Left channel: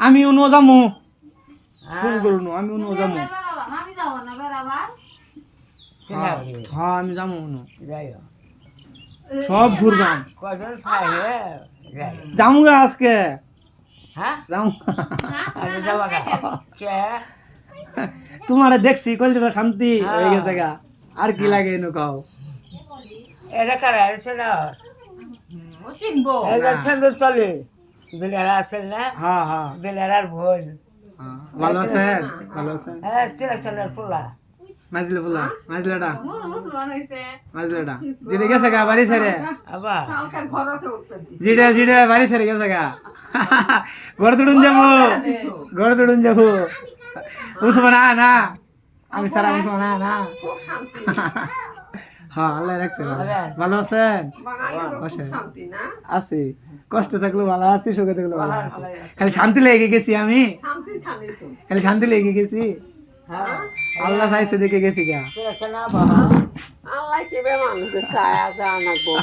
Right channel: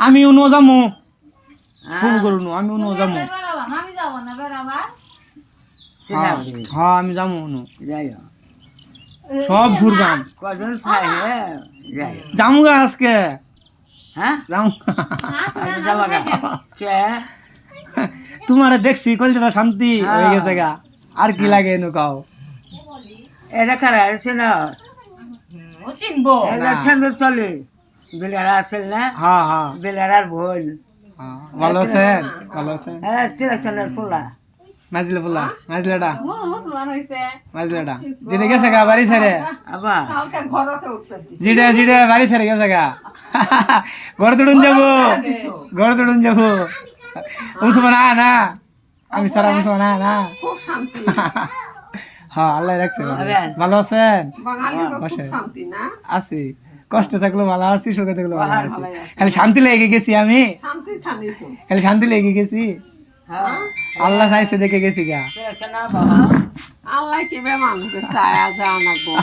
আমি উনো যামু ফোন করুন আমি উনো যামু আমি যাব না বেড়াবার হ্যাঁ আমি যামু উনো যাই সব ঘুরগাম কজন থাকে যাই যামু গা আজকে হ্যাঁ যামু যাওয়া কে তোমারে দেখছি কলজটা শান্তি হয়ে গেছে গা আর কি লাগে এনু কাও এটা খারাপ আছে না ও চিনবো এটা সুন্দর চলে বিলারা আছে না হ্যাঁ হ্যাঁ বিলারার ভোল ভালো আছেন ভালো আছেন হ্যাঁ তিরাচনের পোলা মাজলে ফুলা মাজলেটা মুসলমান হইছে মাজলেটা যেটা গেছে গা বাড়ি ছেড়ে আবার কালকে ঘরতে উঠবেন যেটা বাড়ি ছেড়ে গেছে গা ঘর তুড়ুন যাবো ঘর তুড়ুন যাবো মুসলমান না আমি সারা মুসলমান না খুব শান্তি হ্যাঁ আল্লাহ রাখছে ভালো আছেন বাঙালি খুব শান্তি না আছি কষ্ট থাকলে ভালো আছি সুখে থাকলে ভালো আছি খালি শান্তি লেগে গেছি আমি শান্তি থানি তো খালি শান্তি লেগে গেছি হ্যাঁ আল্লাহ খাইছে দেখে গেছি গা তিরাচন আবার আল্লাহ কি বে মানুষের ছায়া জানা গো